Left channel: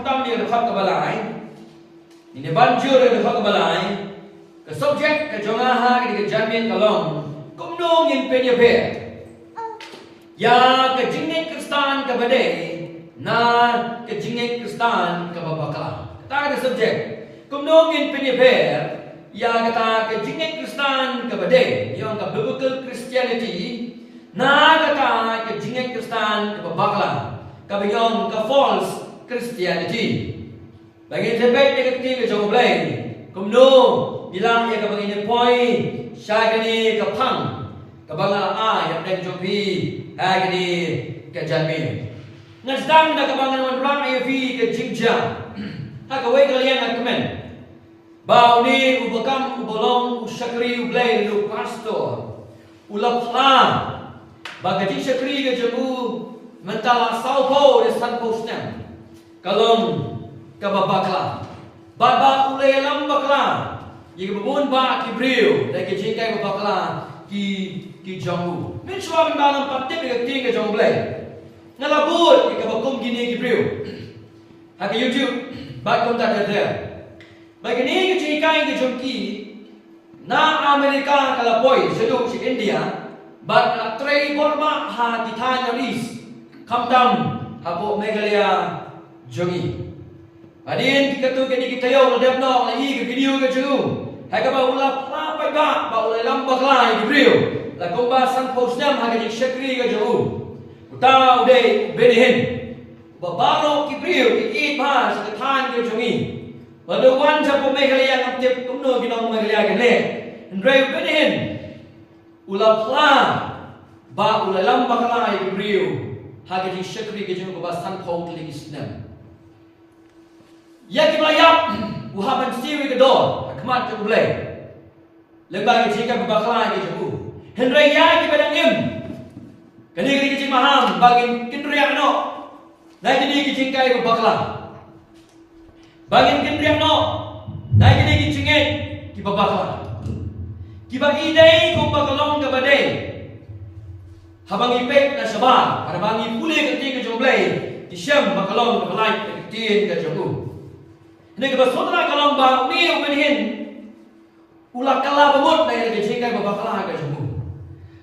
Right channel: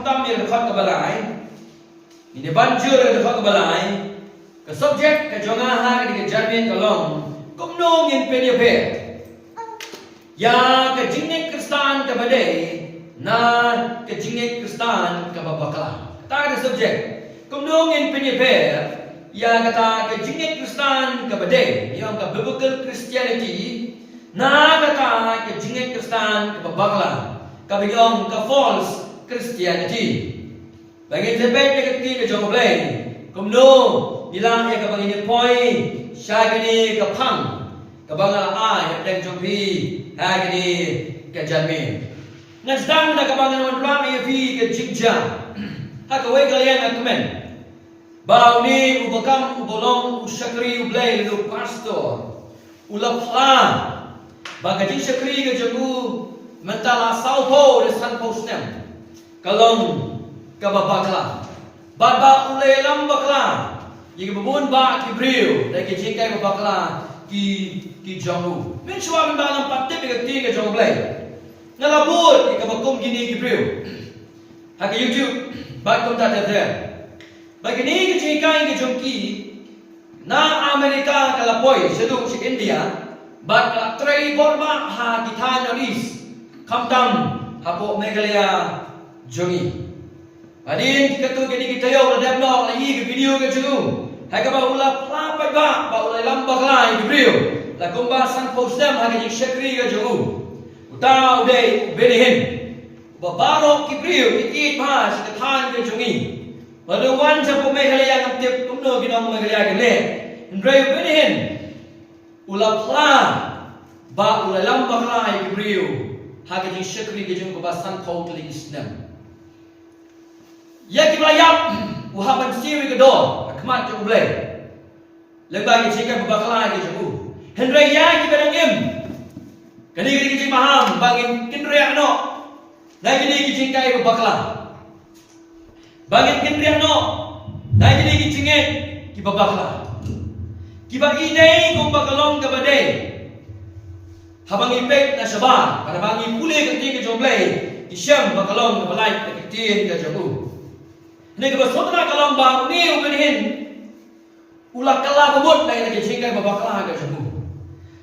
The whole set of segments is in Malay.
tam yang dekat ke balai. Ini banjur yang dekat ke balai. Ke subjek ke jongaha ke janmin kalong. Kumnong yang penyeper. Ya ke jingit Kristan ke badai. Na ke jingit Kristan ke babakala. Kata ada subjek. Kumnong yang penyeper. Ya kata ke jingit Kristan ke badai. Yang ke biblical Christianity. Na kata ke jingit Kristan ke babakala. Kabiyong ke false Christianity. Bagi sebab yang ketiga jauh belai. Kumno bilang ya kabang ini point. Syai kini ke pang. Kabang ala yang deng jumpi. Hai kini ke janmi. Ngasdang dah kabang wan pulang ya fi ke jingjang. Hakawai kalian nak komen. Bau ni ubakam ubolong usyakri ublai lu pastor. Ulapla. Bagi jing syakri ke jamu. Mentala saupo de san posnem. Kalong kababakla. Badba ule lambakla. Yigi bubun ba ki brio. Dai ki jingkai babakla ki jongu. Min shwa ban balam patip ke ting ke jong blai. Ngalabut ki kabakum gini ki brio. Ha ke YouTube ba kom ta ter. Ba ki ni ki jingkai ki jongki. Na Amerika kalapoi sedu si India. Ba ka trei borma ha ki than nolis. Kamtam hapo Meghalaya jongi. Adin kita kini kita yo ladap nok lagi ke video ke jungu. Hai ka ba ula pla pai ba ula lambak lai ke video. La komba san postam ha ke syakri ke jungu. Uta ude benihin. Ba baro ki video ki pa sa than ke jungi. Ba de wan sa po Meghalaya ngam tip kumno kinong Meghalaya ke le. Ndrei benihin. Ula pla ba ula lambak lai ke video. Hagi syakri ke jungu ba san kau teling islam. Ya kibayap uhaban siwi ke dor akmat ke ulai. Lembagi jika babakla ke jungu. Hendrai ya kibadang im. Kani kini kecik maham bagi kindriak no. Nai kini kecik kai babakla. Bagi kindriak no. Nai kini kecik ki babakla. Kiba idai kumbakalong ke badai. Habang ipek na sabar, para bangi pulih ketika jomblay, isyam bakalong na balay kekitin ke jomu. Ini kebesotra kalong bang ni ubenihin, ulak kala bemut na yang kecingkai babakala ke jomu.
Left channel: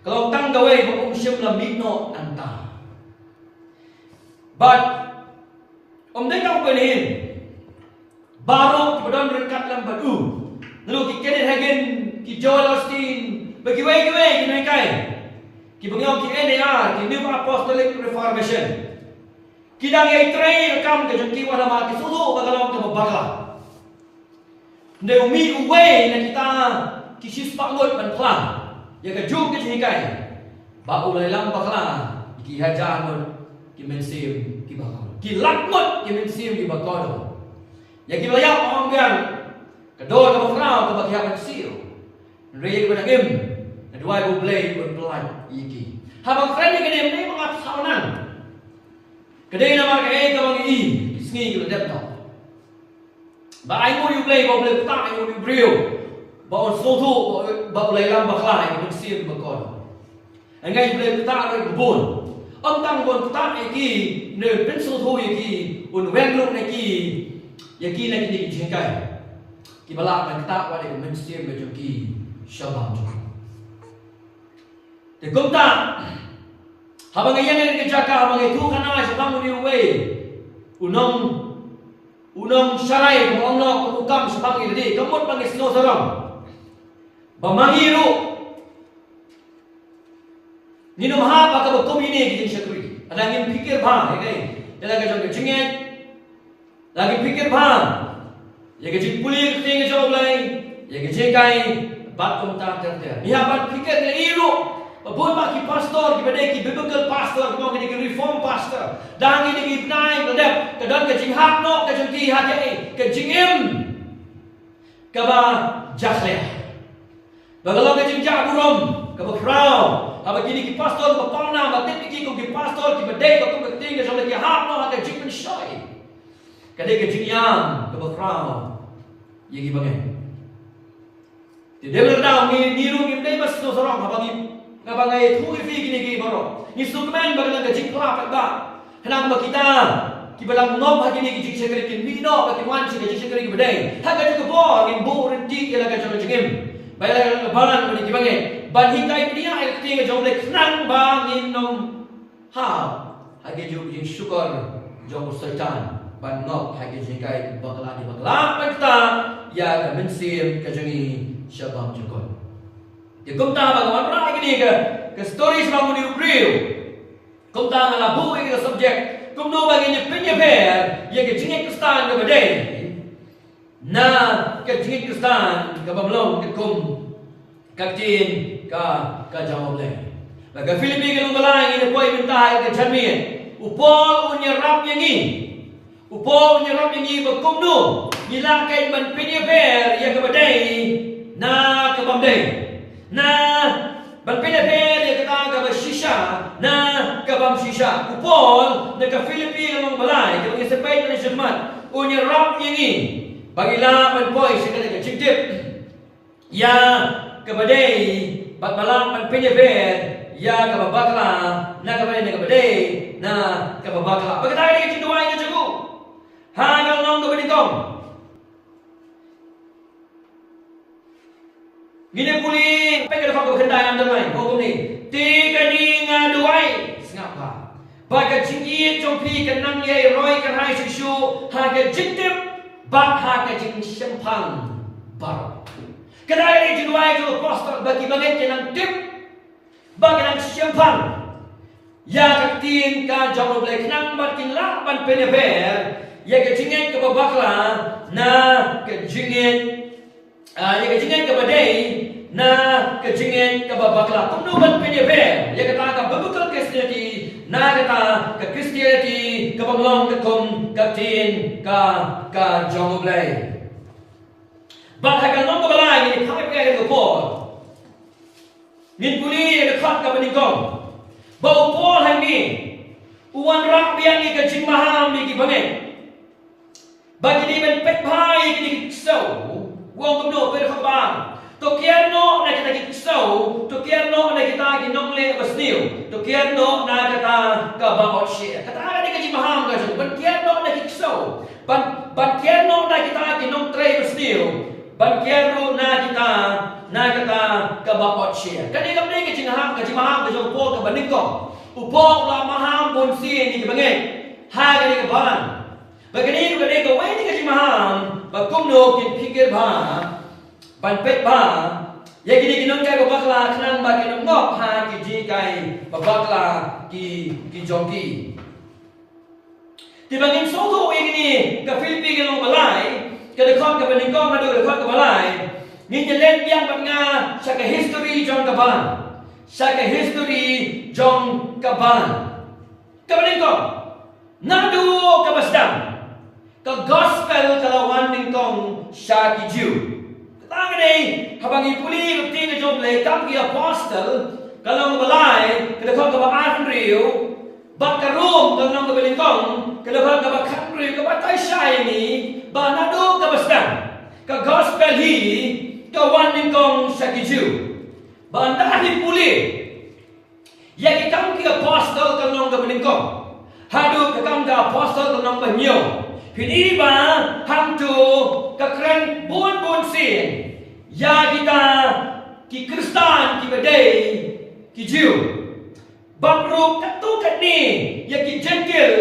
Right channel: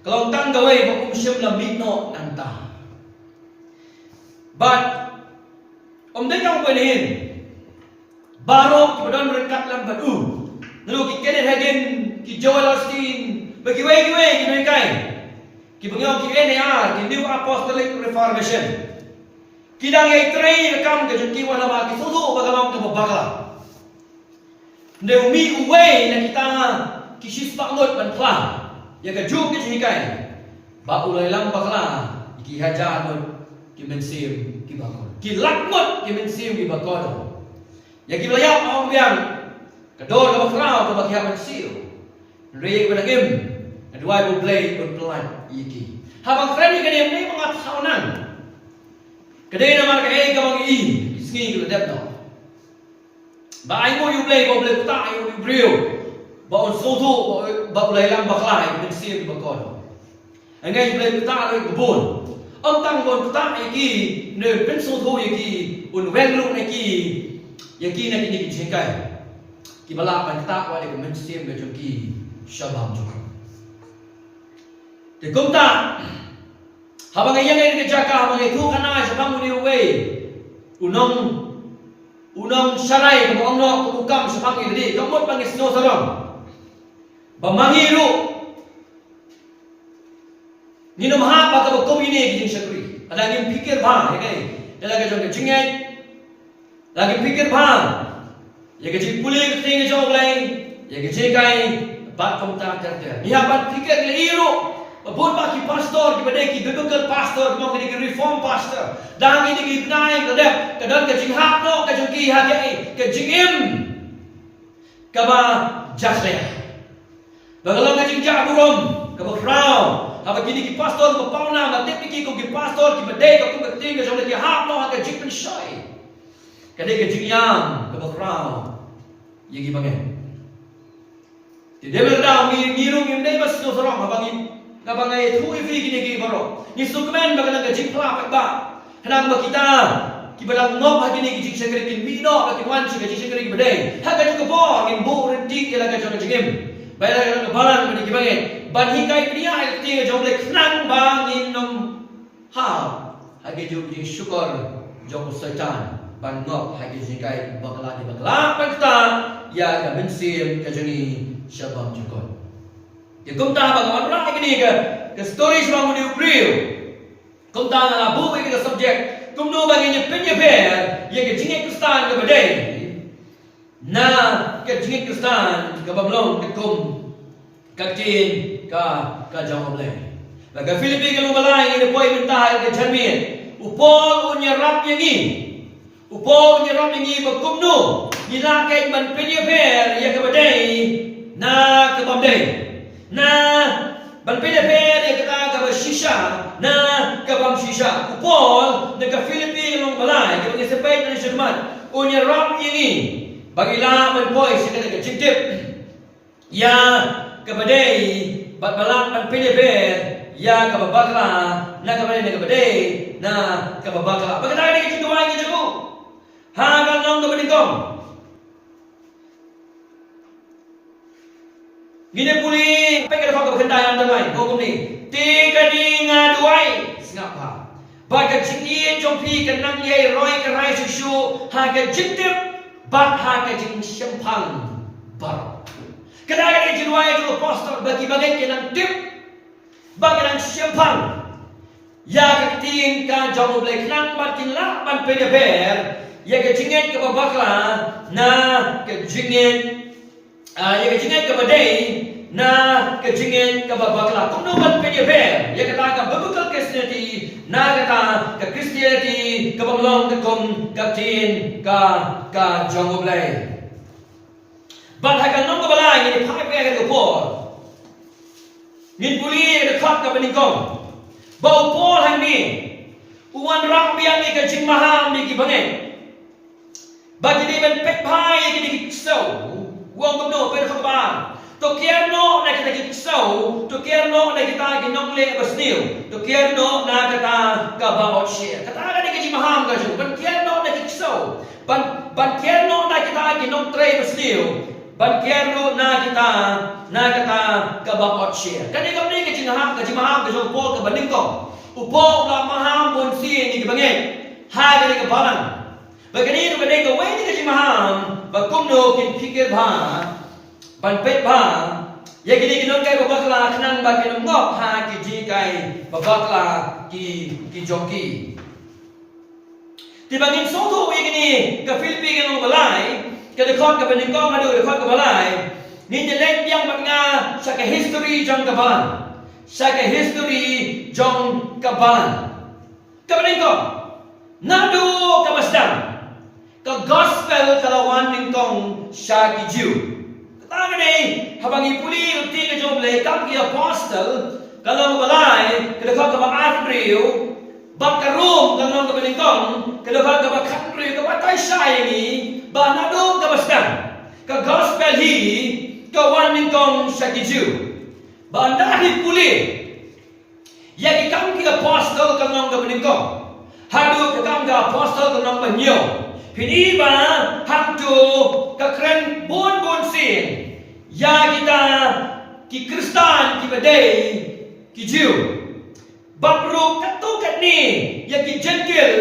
Kalong tang gawai bakum isyam lamino nanta. But dengau ubenihin, baru kebetulan berangkat lambadu, lalu kikenin hagen ki Joel Osteen, bagi wei kinaikai. Ki bangyo ki NAR, ki New Apostolic Reformation. Ki dang ai trei rekam ke jengki wala ma ki susu bagalong ke babakla. Ne umi uwe na kita ki sispa ngot ban plan. Ya ke juk ke jengkai. Ba ulai lam bakla ki hajar ngot ki mensim ki bakol. Ki lak ngot ki mensim ki bakol. Ya ki belayak ong biang kedor ke bakrau ke bakia mensim. Rei ke badagim. Kedua ibu blay berpelan iki. Habang keren ni ni mengat saunang. Kedai nama kedai kamu i sengi ke ledap no. Ba ibu you blay tak you brio. Ba on soto ba ulai lam bakla ibu sir bakon. Angai blay tak loi kebun. Om tang bon tak iki ne pen soto iki un wenglung iki yaki na kini kijengkai. Ki bala ban tak wa de men sir be joki shabam jok. Di kumta, habang ayang ay nagajaka, habang itu kanang sa panguni uwe, unong saray, kung no, kumukam sa pangiladi, kamot pang isno sarong, bamangiro, ninumahapa ka magkumini, giting syakri, alaging pikir ba, talaga jong kachingay, laging pikir ba, yagajing pulir, tingin sa oblay, yagajing kay, bat kumta, nihapat pikir, niliro, Abun baki pastor, kita ki biblical pastor, kita ki reform pastor. Dah ini ki naik kedap, kedan ke jinghak no, ke jengki hati, ke jingim, ke ba jasleh. Bagalau ke jingjak burom, ke bakrau. Apa kini ki pastor, ke pauna, batik ki ki pastor, ki bedai, ke kumbeting, ke jong ki hak no, ke jing pensoi. Kadai ke jingyam, ke bakrau. Ye ki bangai. Tidak berkata mirung imdai mas no sorong abang Kabangai tu ifi gini gini baru. Ni sukmen bagaimana gaji kelap ba. Henang kita kibalang ngop hagini ki jing sekeri kin mino ba kin wan si jing sekeri ki badai haga ju bo kin bo rin ti ila ga jong jingim bayar ga balan ba ki bange ban hi kai priya ai ti ga jong le knang ba nin nom ha hagi ju jing syukur jong setan ban ngop hagi jing kai bakla di bakla pakta ya ga bensin ka jangi syabam jukon di kumta ba ngwan ra hagini ke story semang mudi upriu kumta ngala bu ke subject kumno baginya penyebar ya ke jingit Kristen ke badai na ke jingit Kristen ke bamlong ke kum kaktin ka jangom le laga Filipi ke lumalai ini poi minta ke janmien upo unyarap yangi upo unyarap yangi bakumno gila ke ban penyebar ya ke badai na ke bamdai na ban penyebar ya kata ke bashisha na kabam shisha upol na ka Filipi ng balay kabang isapay na nisyaman unya ram ini bagila man boy sa kada chitip ya kabaday bat malang man pinyeber ya kababakla na kabaday na kabaday na kababakla pagkatay na kituway ka jugo hanggang nong kabadingkong ginepuli pagkada fa kabakandaan damay hukum ni tiga di ngaduai ngapa baga jingi jompi kenang ye roi ke rai susu haga jitip bat haga jing sempang bar kedai ni jiduai tu pastor bagi bagai kenang tip bagi nang sempang ya ketin ka jom boleh kenang makin lah ban penyeber ya ke jingit ke babakla na ke jingit ya ke jingit ke badai na kejingin ke babakla kumnuban penyeber ya kata ka biblical Christianity na kata ke Christianity ke bamlong ke kum katin ka jongoblay bat hagal nong ke balay ni pai pe ke por ngin puli de khat ka baningkong bau por hang ni uwan rak biang ni ke jing maham ni ki bangen bagi di ben pek pai ki di so wong kumno pe khat ba to kierno na kita kiksau to kierno na kita ginongle basniu to kierno na kita kabamot siya kata na ni kaji maham ka ju ban kierno na kiksau ban kierno na kita ginong tray basniu ban kierno na kita kabamot siya kani kamni kaji maham ka ju pol ka baningkong upok la maham bon si ni kibangay ha gani ka balan bagani no kadai ka wai ni kaji maham bakumno kin pikir ba ban pet ba ya gini ginon kai babakla kenang ba ginom ngop ha ki ji kai babakla ki jongki ti bangin so tho we gini ka Filipi ginom balai ka de khot ka baningkong adu de khot ka balai ni je len biang bat nga sa ka history jong ka ban sa ka history jong ka ban ka baningkong nadu ka basdam ka gospel kalawan ningkong sa ki Jew Tangani habang ipuli rutin na jomble kam ki apostle kalau balai kada ka ba Andrew ba karum kalau ka balingkong kada ka ba country ka ba tay shayni ba nado ka basdan ka gospel hi ka waningkong sa kiju ba ndahi puli ya ikam ki apostle kalau ka balingkong hadu ka kam ka apostle kalau ka nyo Pini ba hantu kekeren bun sin ya kita ki Kristen ki badai ki Jew babro katu katni ya ki jengkel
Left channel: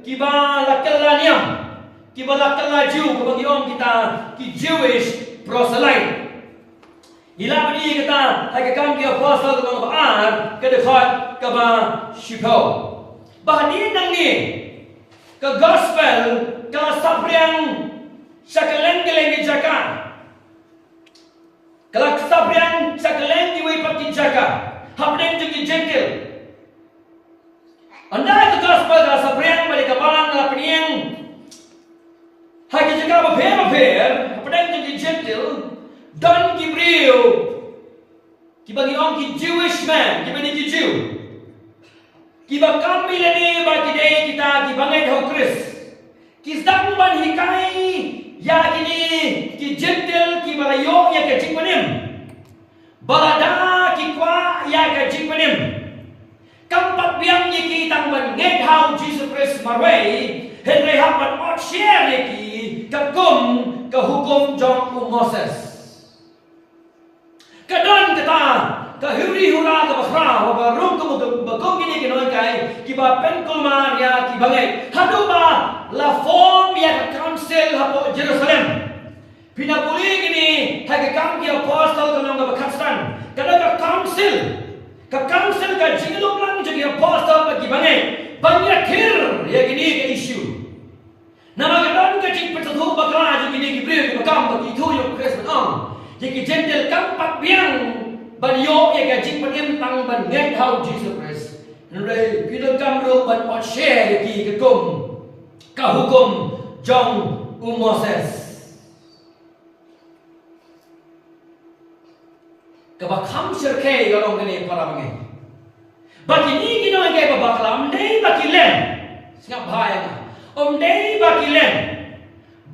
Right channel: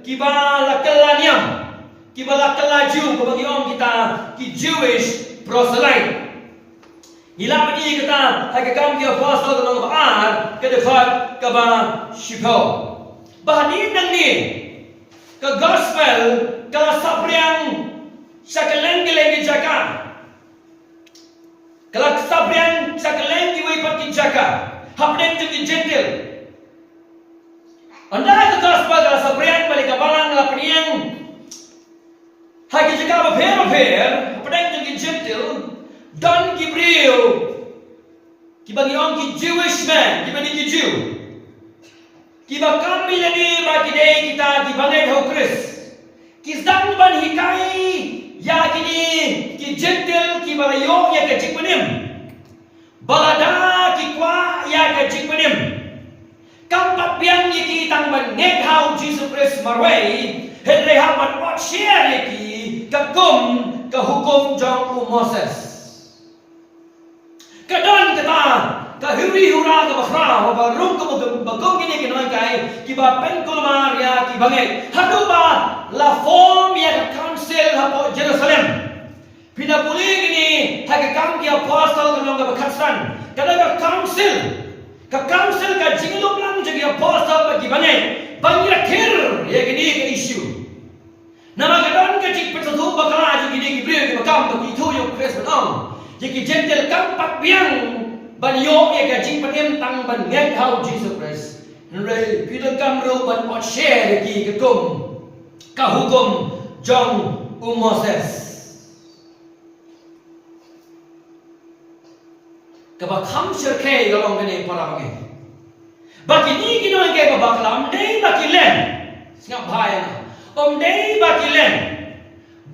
ki ba lakalaniam ki ba lakalaju bagi orang kita ki Jewish proselyte ila bani kita hakikam ki apostle ng baar kadefat ka ba shipo bahanin nang ni ka gospel kala sapriang sa kaleng-kaleng jaka kala sapriang sa kaleng iwi pati jaka hapdeng ju gentil anda ka gospel kala sapriang balik kabalang na paniang hagi jaka ba pher hapdeng ju gentil don Gabriel kibagi ong ki Jewish man kibagi ki Jew kiba kami lani bagi day kita kibangay ho Chris Kisdang ban hikai ya kini ki gentle ki balayo ya ka jikpanim balada ki kwa ya ka jikpanim kampat biang ki tang ban net how Jesus Christ marway Henry hapan ot share lagi kagum ke hukum jong Moses. Kadon kata kahuri hura ke bakrau barum ke bagum gini kinoi kai kiba penkul Maria kibangai hadu ba la form ya council hapo Jerusalem. Pinapuli gini hake kam ki apostle kanong ke bakastan kadang ke council ka jinglum lang jadi apostle bagi bangai banyakhir ya gini ke issue. Nama kadang ke jing persatu bakal jadi gini gibril ke bakam bagi tu yo Kristus on. Jadi jentel kampat biang ban yo ya gajing penim tang ban ngai hau Jesus Christ. Nre kita kamro ban ot share lagi ke kum ka hukum jong Moses. Kaba kham sirke galong gani para bangai. Baki ni gino ngai babaklam dei baki len. Singap bahaya na. Dei baki len.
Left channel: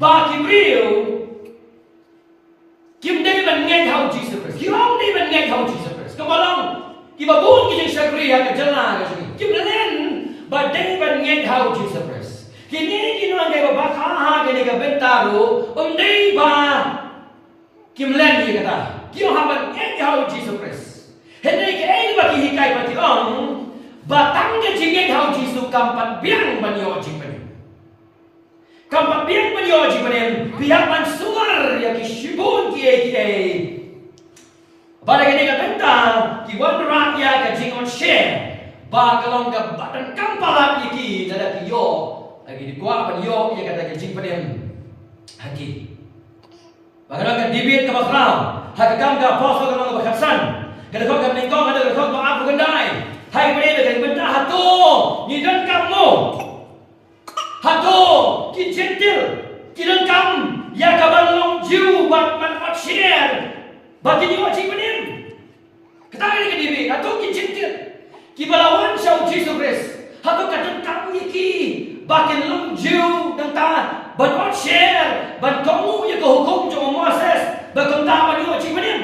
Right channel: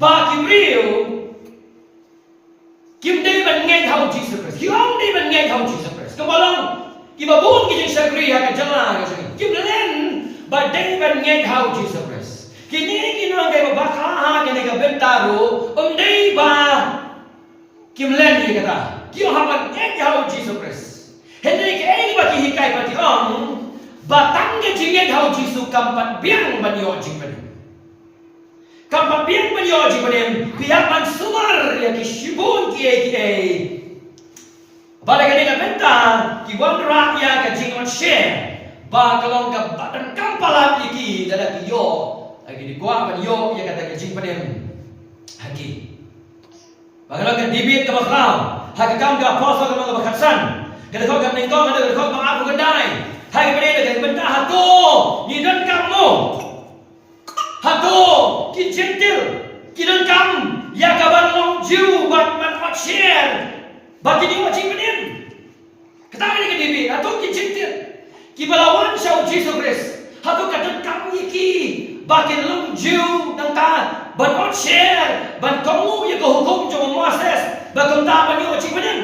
Baki real Kim day ban ngai hau Jesus Christ. Kim day ban ngai hau Jesus Christ. Kamalong kibabun kijing sagri ha ka jala ka sini. Kim len ba day ban ngai hau Jesus Christ. Kini kino ngai babakha ha gani ka bentaru day ba kim len ni kata. Kim ha ban ngai hau Jesus Christ. Henry ke ai ba ki hikai ba ti batang ke jingai hau Jesus kampat biang ban yo jing ban. Kampat biang menyoji benem pihak man sumar ya ki shibun ki bala gani ka benta ki wandra ya ka jingon share ba kalong ka badan kampala iki dada ki yo lagi di gua ban yo ya kata ka jing benem haki bagalong ka dibit ka bakrau haka kam ka apostle ka mga bakatsan kada ko ka ningkong kada ko ka apu gandai hai benem ka benta hato ni dan kamu Hado ki gentil ki lengkam ya kaban long jiu bat man ot share bagi ni macing benim kata ni ke dibi hado ki gentil ki balawan syau Jesus Christ hado kadon kam iki bagi long jiu dan ta ban ot share ban kamu ya ke hukum jong Moses bagam ta ban yo macing benim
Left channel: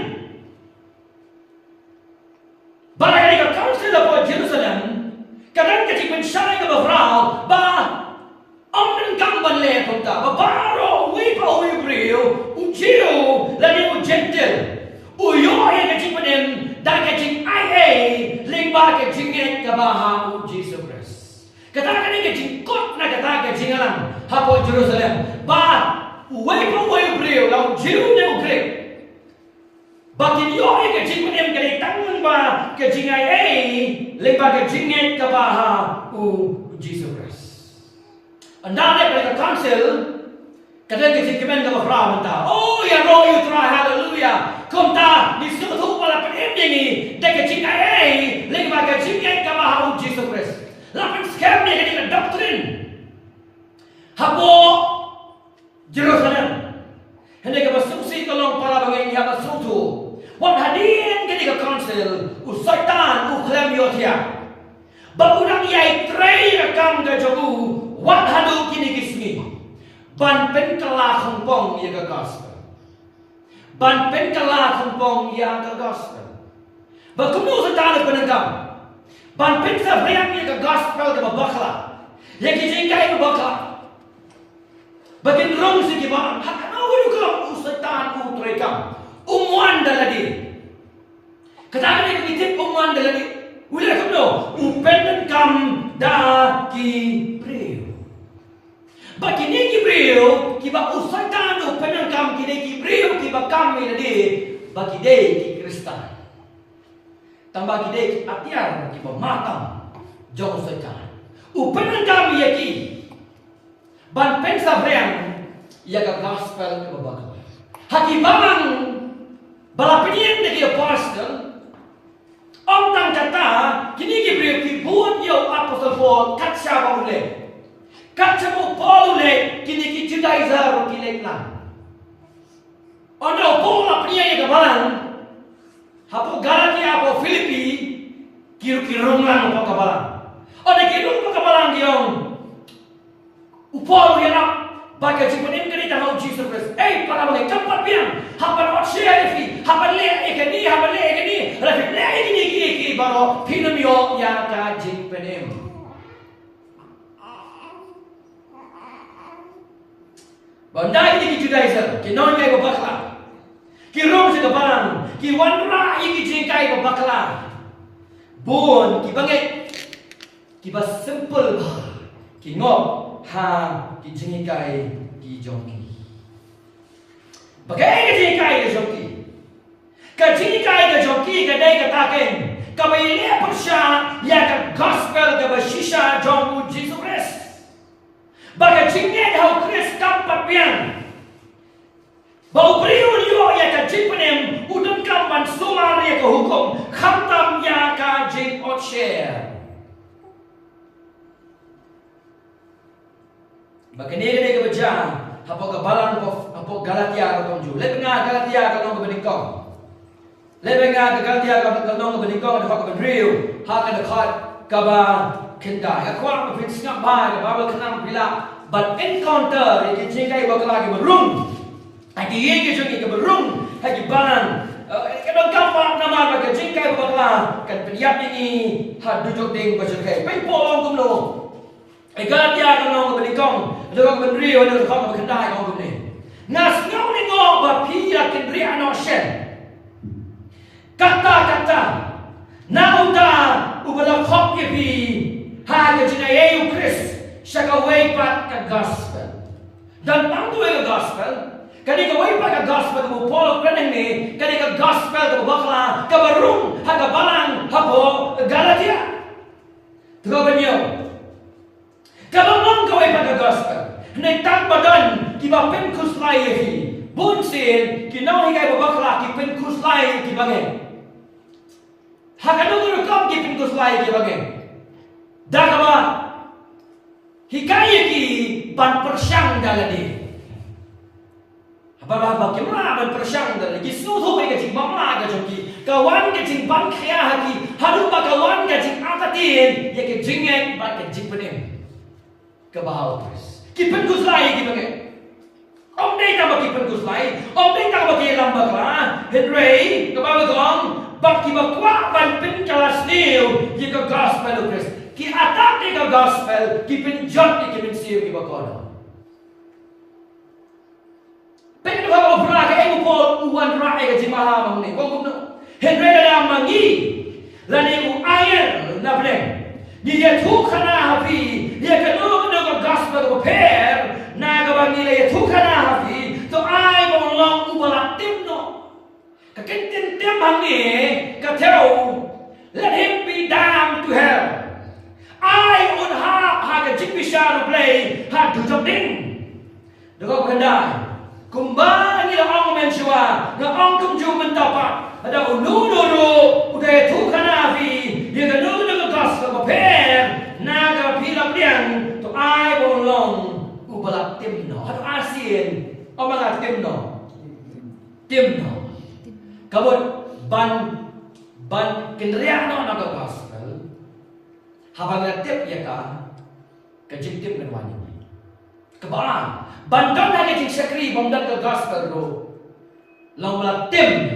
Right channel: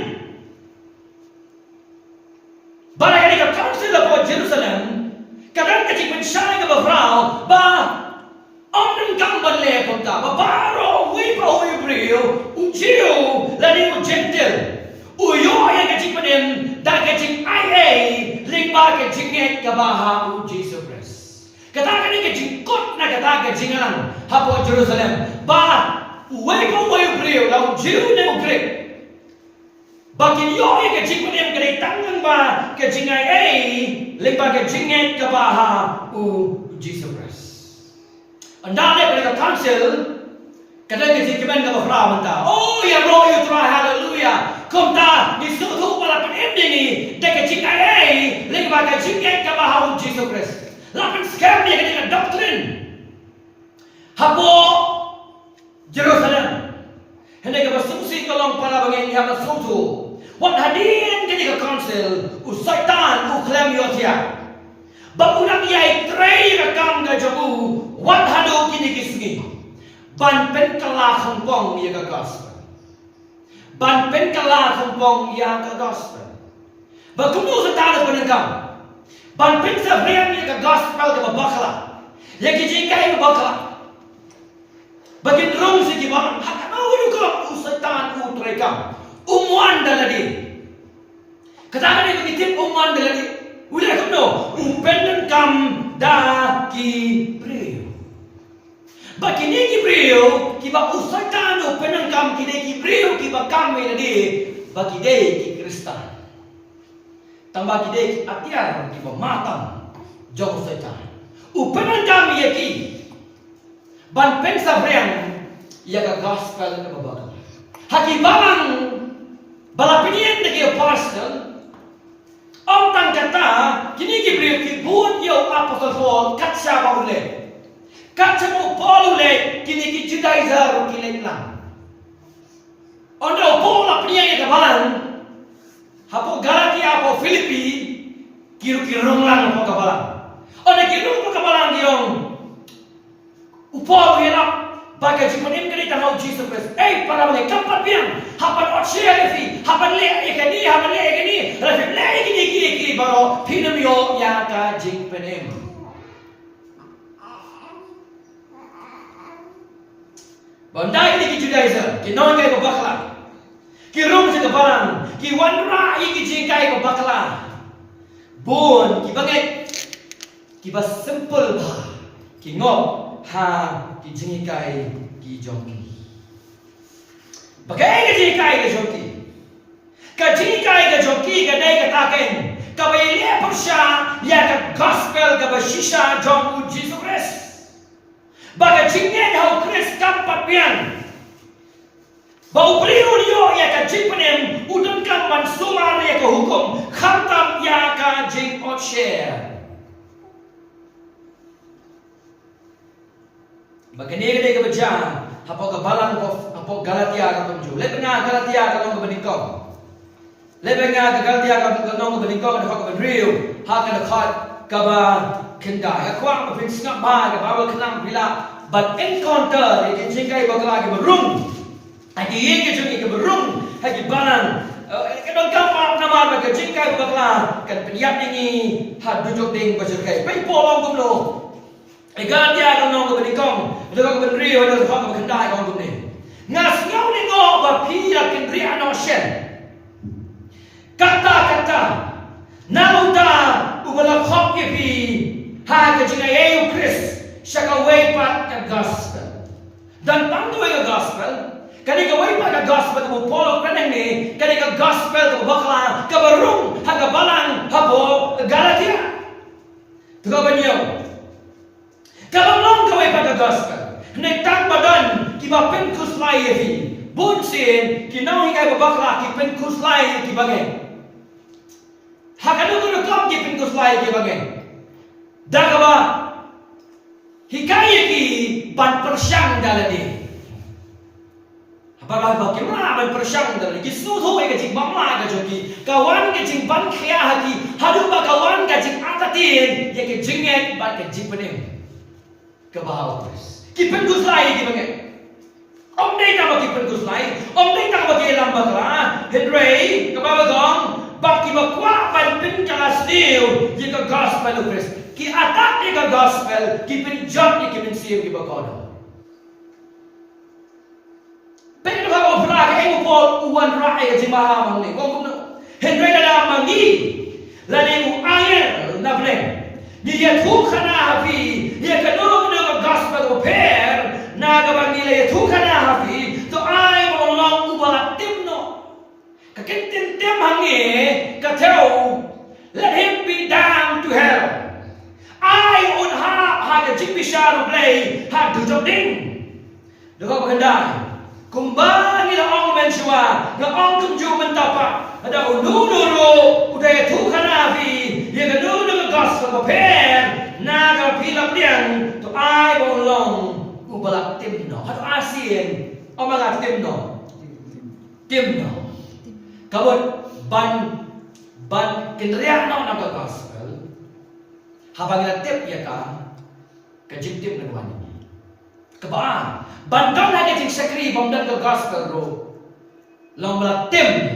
balai ka council of Jerusalem kadang kecik mensyai ke bafrau ba Om dan ban le konta babaro wi pa wi brio ujiu lani gentle uyo ya kecik padem da kecik ai ling ba kecik net ka baha Jesus Christ kata kan kecik kot na kata kecik alang hapo Jerusalem ba wi pa wi brio la ujiu ne ukrek bakin yo ya kecik padem kali tangan ba kecik ai ling ba kecik net ka baha Jesus Christ. Anda pada council kadang kecik kemen ka bafra menta oh ya roh you try hallelujah kumta di suatu pala pending ni dek kecik ai leng ba kecik ka baharu Jesus Christ lapan scam ni ka doctrine hapo Jerusalem hendak ka basumsi kalong para bangai ni ha suatu wan hadin ka council usaitan uklam yotia Bagurang yai tray rakam ka jobu wat hadu kini kisngi ban pen kala khongpong ya ka gospel ban pen kala khongpong ya ka gospel bakumu sa tano penengkam ban pen sa briang ya ka gospel ka babakla ya ki jingkai babakla bakin rong si gibang hakano hudu ka usaitan utrekam umwan daladi katakan ini tip umwan daladi Ulah kamu no, upenan kam da ki brio. Bagi ni ki brio, kiba usaitan upenan kam ki brio kiba kami lagi bagi day ki Kristen. Tambah ki day ki atiar kiba matang jong usaitan. Upenan kami ya ki ban pensa briang ya ka gospel ka babak. Haki babang balapinian de ki apostle Om tang kata kini Gabriel ki buat yo apostle Paul katsa baule katsa mo Paul ule kini ki Judaizer ki leklang ondo Paul apnia ya kabalan hapo Galatia hapo Filipi kiru lang hapo kabalan ondo kiru kabalan diong Paul ya bagai jimanim kini tahu Jesus Christ para boleh kampat biang hapan otsia lefi hapan le ekani rafi le ekini baro pinamio ya ka jingpenem Bandai ni ki Judaizer, ki non kai bakla. Ki rom se kapalang, ki wanra ki jingkai bakla. Bon ki bangai ki ba simple ba. Ki ngop ha ki jingkai ki jongki. Bagai ki jingkai ki jongki. Ka jingkai ki jongki ka dai ka taken. Ka bai le persya ya ka gospel ka ba shisha jongku Jesus Christ. Baga jingnya hau Christ kampat pian. Bau beliau yo ya ka jing penem udun kampan sumar ya ka hukum khantam ya ka jing share. Bagani ka ka baca hapo ka balan ko hapo Galatia ka konju. Lebenga Galatia ka long ka benikong. Lebenga ka Galatia ka long ka benikong ha ka benriu ha ka khat ka ba kendai ka kwa ka prin ngap ba ka ba kenang bila but encounter ke jingkai bakla ke berung. Hagi ye ke jungi ke berung hagi balan kadang gampang nama ka jingkai bakla kan peniap ni ha duduk ding bajukai pai polong kumlo Galatia ka long ka benikong ada ka benriu ada ka kendai ka kumni ngas ngau ni ngo ba pia kendria no shen kata nauta ubala khop ke pi ha ka jingai eu Chris shaka way pat ka gospel dan pandu ka gospel kani ka way pat ka gospel mo polo kreneng ni kani ka gospel ka bakla ka barung ha ka balang hapo Galatia tuko banyo ka long ka way pat ka gospel nei tang badan ki ba pen kuslai hi bunsin ki nau hi ka bakla ki pen kuslai ki bangen ha ka du kom ki pen kuslai ki bangen dagaba hikaya ki ban persyang daladi. Apabila bagaimana ban persyang daladi? Suhu ke jing bangla ke joki, kawan ke jing ban kaya haki, hadu ba kawan ke jing atatin, ya ke jingnya ban ke jing pening. Kebahau Chris. Ki pengus lai ki bagai. Om dei tak bagi pengus lai, om dei tak bagi lambak lah. Henry kebawa gong, bagi bakwa ban pen kelas new, ya ke gospel Chris. Ki atak ni ka gospel, ki penjot ni ki pensiu ki bakodo. Pero kalau berak yang upol uan rai ke jimaha bang ni, kong kumno. Henry dah mangi, lani u air na bleng. Dia tu kana hafi, dia kanu ka gospel ko per, na ka bang ni tu kana hafi, to ai bang long ubalak timno. Ka kentin tim hangi, ka teu, let him be down to hell. Ai un ha ke jing bisharu play ha tu jom ding doko kendai kumbangi la ong mensua na ong kumju mentapa ada unu udah tu kana vi ye ga nu nu gospel ko per na ga pila pliang to ai bolong ubalak timno hatu asien omanga timno kabut ban kendria no na gospel habang tip ya ka jing tip kan wani keba bandan lagi jing sakri bomdan ke gospel ro long la tim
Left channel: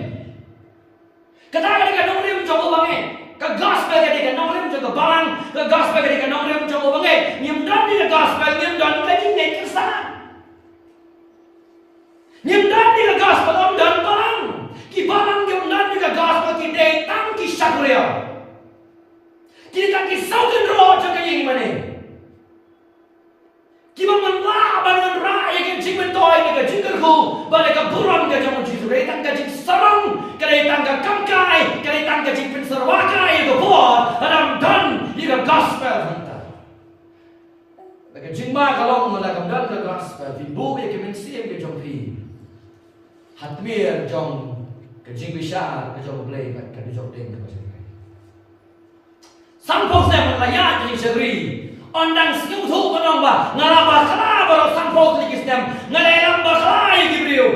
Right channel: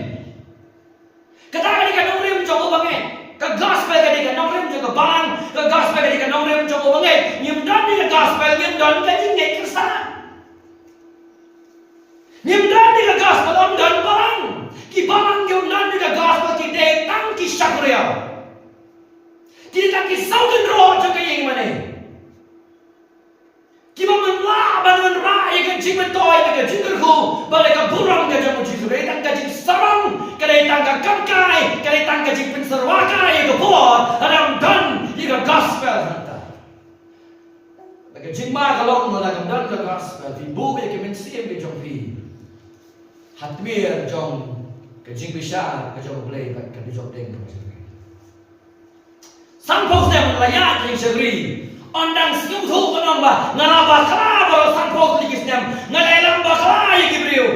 kata ka nongrim jogo bange ka gospel ka nongrim jogo balang ka gospel ka nongrim jogo bange nyimdan ni ka gospel nyimdan ka jing nek kirsa nyimdan ni ka gospel omdan balang ki balang nyimdan ni ka gospel ki de tang ki sakriya kita kisau kan roh jaga yang mana? Kita menlah bangun rai kan cing betoy kan cing kerhu, balik ke burung kan jamu jisu, kita kan cing sarang, kita kan kangkai, kita kan cing penserwakai itu buat, adam dan itu gospel kita. Bagi cing ma kalau mengalami dan ke gospel, ibu yang kemensiam ke jompi, hatmir jom ke cing besar ke jom play ke jom deng. Sampok saya melayat yang segeri. Ondang setuju menambah ngalaba kelaba sampok lagi sedem ngalelam bakla yang kibriu.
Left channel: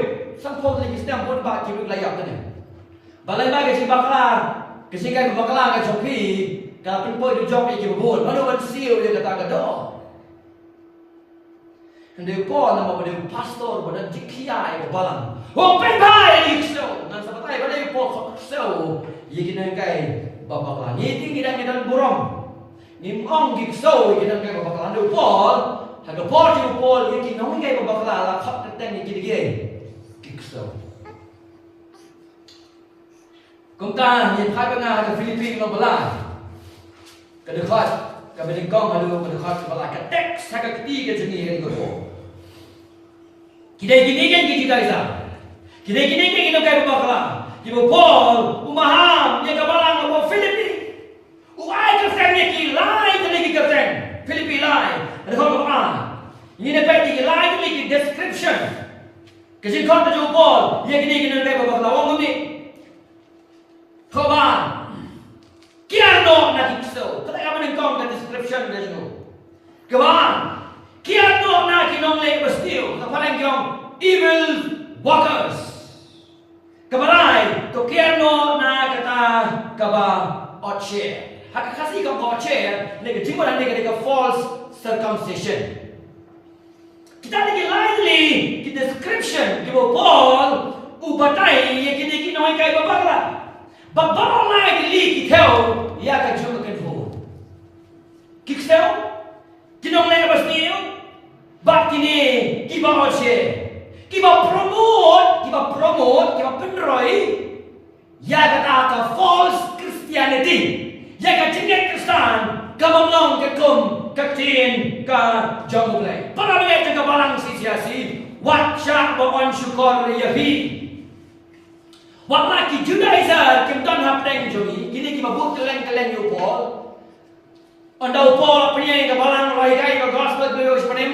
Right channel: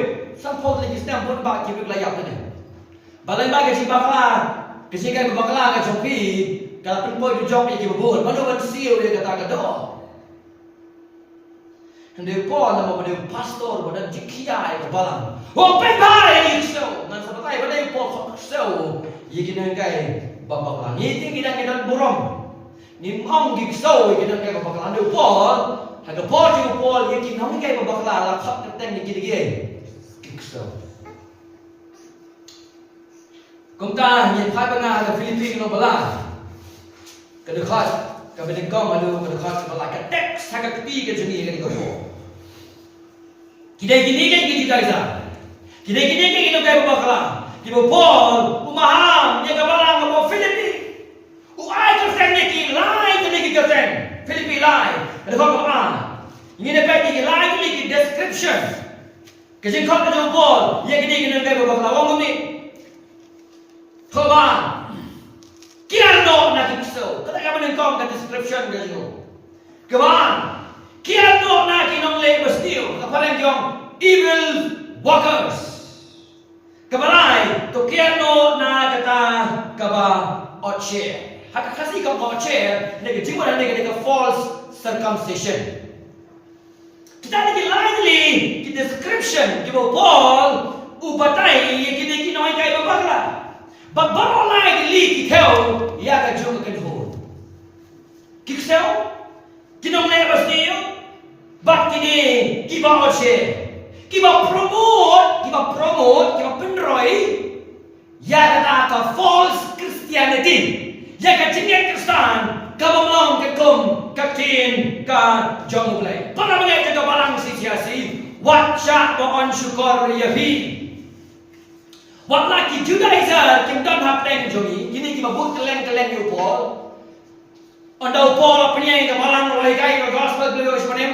Sampok lagi sedem pun bak kibriu layak ni. Balai bagi si bakla, kesikai bakla ke jopi, kalau pun jom yang kibubun, mana siu dia kata kado. Hendak pun nama pada pastor pada jikia yang balang. Oh pentai ni so, ngan sebagai pada pun so, ye kena kai bapak lang. Ini kita burung. Ni mong gigsaw kita kaya bapak lang. Pol Haga Paul juga Paul yakin nong kai babakla la khot keteng ni gidi kikso. Kung ta nhìn phai banga ga Philippines lo bala. Ka de khot ka ben kong alu ka de khot ka bala ka tek sa ka ti ka jungi ka ni ko. Kidai gini kan gidi daisa. Kidai gini kan gidi kai babakla. Ki bo Paul umaham ye ka bala ka Philippines. Ai ka sen ni ki lai ka ni ka sen. Philippines lai. Ka de khot ka bala. Ini dapat dikilai lagi description. Kasi kau tu Paul, yang ini kena dapat bawa lawang ni. Kawan, kira no nak kisah. Kata kau menengkong ke description kasi kau. Kawan, kira no nak kinong le bestiu. Kata parang kau evil workers. Kabarai, to kira no nak kata kaba oche. Hak kasih kau oche, nega cuma nega false circumcision. Kita lagi lively di description di Paul ubatai yang kita kinoi kai babagla babalo lai li kithau ya ka jung kan ho kithau kinong le basnio bat kini kiba oche kiba promote kiba penroi ya kata ka false Christianity ya ka jingek Kristen kamong ke kum katin ka jong mulai para mga ka balang sisiasi watcha bon syukur yahi wala ki Judaizer kim don hapteng jomi ini ki babut keleng yu Paul onda Paul apnya ka balang loi kai ka gospel glorious panem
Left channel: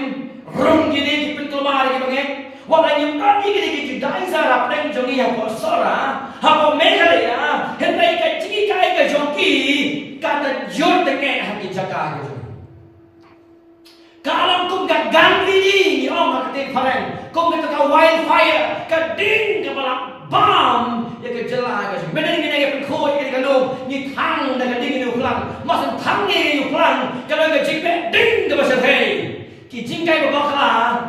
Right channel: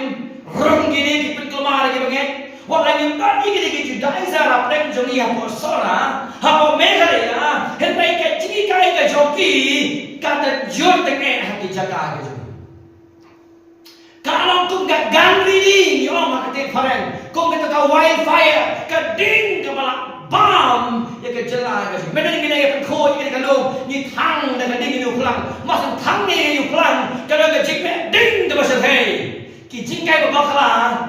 rum gini ki penkelmar ki baget wala yung don ki Judaizer hapteng jomi hapo sora hapo megalaya henry ka chiki kai ka joki kata jod tenge haki jaga ka kalau kau gak gangri ni orang kata keren, kau kata kau wildfire, kading ke balak bam, ya ke jelas ke sini. Mana ni kena penkoi ke kalau ni thang dah kading ni ulang, masuk thang ni ulang, kalau ke jingpe ding ke pasal hey, ki jingkai berbakla,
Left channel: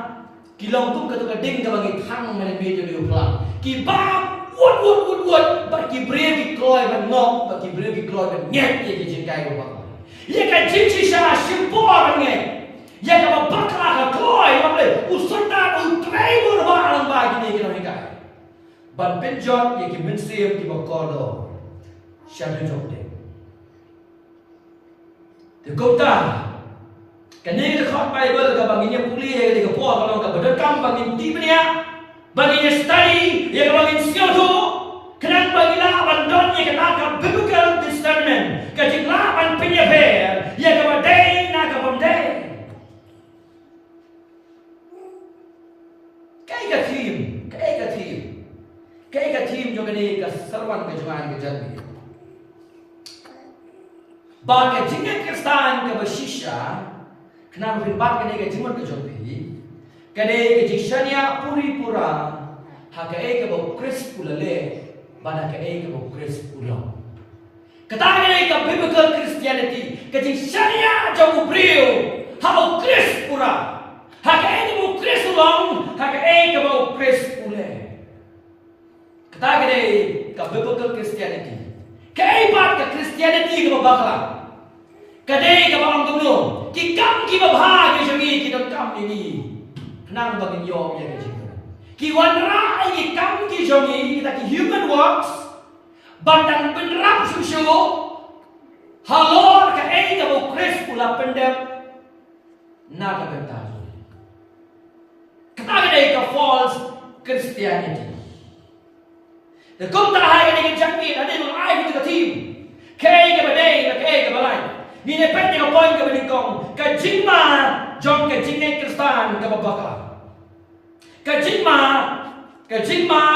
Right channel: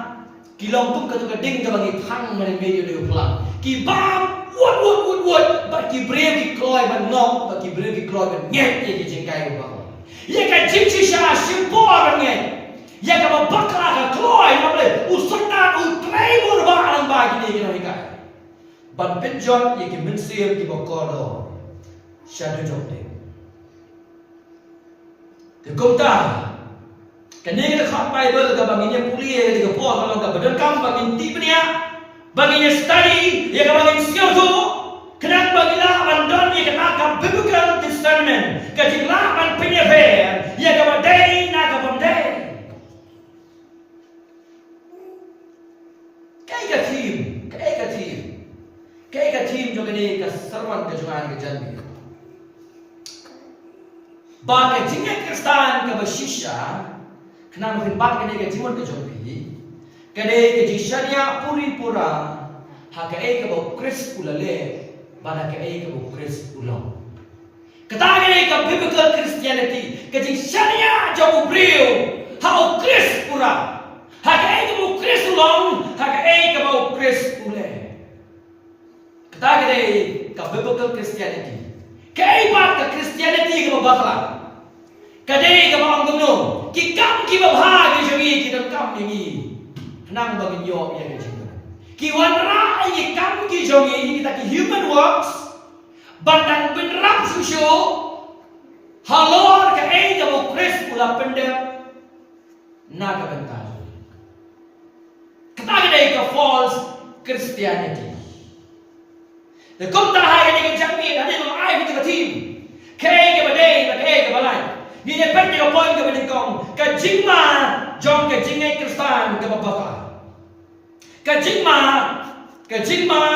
ki longkung ke tu kading ke bagi thang mana medio ni ulang, ki bam, wood, but ki brave ki kloi ban ngok, but ki brave ki kloi ban nyet ya ki jingkai berbakla. Ya ke jingcisha syukur ban nyet. Ya kalau bakla ke kloi boleh usutna utrei berbalang bagi ni kita hikai. Ban penjot ye ki mensiam ki bokolo. Syadu jokte. Te kota. Kani kita khot Bible ka banginya pulia ke Paul kalau ka bedekam bangin ti penia. Banginya study ye ka bangin sioto. Kenan bangila bandon ye ka ka biblical discernment. Ka jingla ban penia fair ye ka badai na ka bamdai. Kayak team juga ni keseruan kejuan kejangan. Bagi jingga Kristen ke bersisha, kenapa filbat kene ke jimun kejompi? Kene ke jingshania puri pura, hak ke bau Kris ulale, bana ke bau Kris ulang. Kata kene ke biblical Christianity, ke jingshania jauh brio, hau Kris pura, hak ke bau Kris ulang, hak ke bau Kris ulale. Kata kene ke biblical Christianity. Kaibat ke Christianity ke babakla. Kadai ke bawang gumno. Ki kam ki babha ke jogi ki don kam ni. Nang bagin yo ya ke jiga. Ki wanra ki kam ki jogi kita ki human works. Bandang benrap susu. Halor ke ke bo Chris ula pendem. Naga bentar. Kata kene ke false Christianity. The kung tahay ni kajami ada yung ay kita team. Kaya ke badai na kaya ke balay. Ni nepet ni point ke menikong kajingma jong kajingay Kristen ke babaka. Kajingma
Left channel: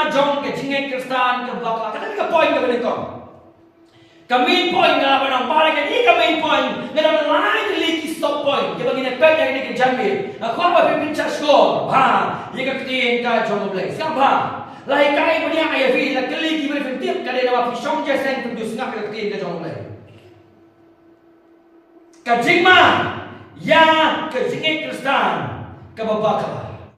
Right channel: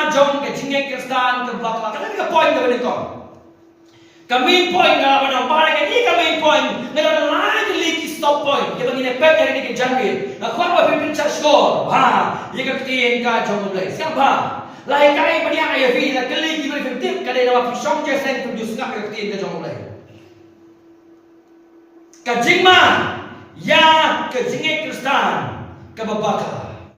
jong kajingay Kristen ke babaka. Kata ni point ke menikong. Main point na laban ang para kani ka main point na laban lagi stop point. Ke bagi nepet ni kajami. Ako pa pipin sa score. Ha, ye ka tin ka jong blay. Siapa? Lai kai bania ai vi la kali ki bari fitip ka de na pi song je sen produce ngak ka tin ka jong lai ka jingma ya ka jinge Kristen ka babaka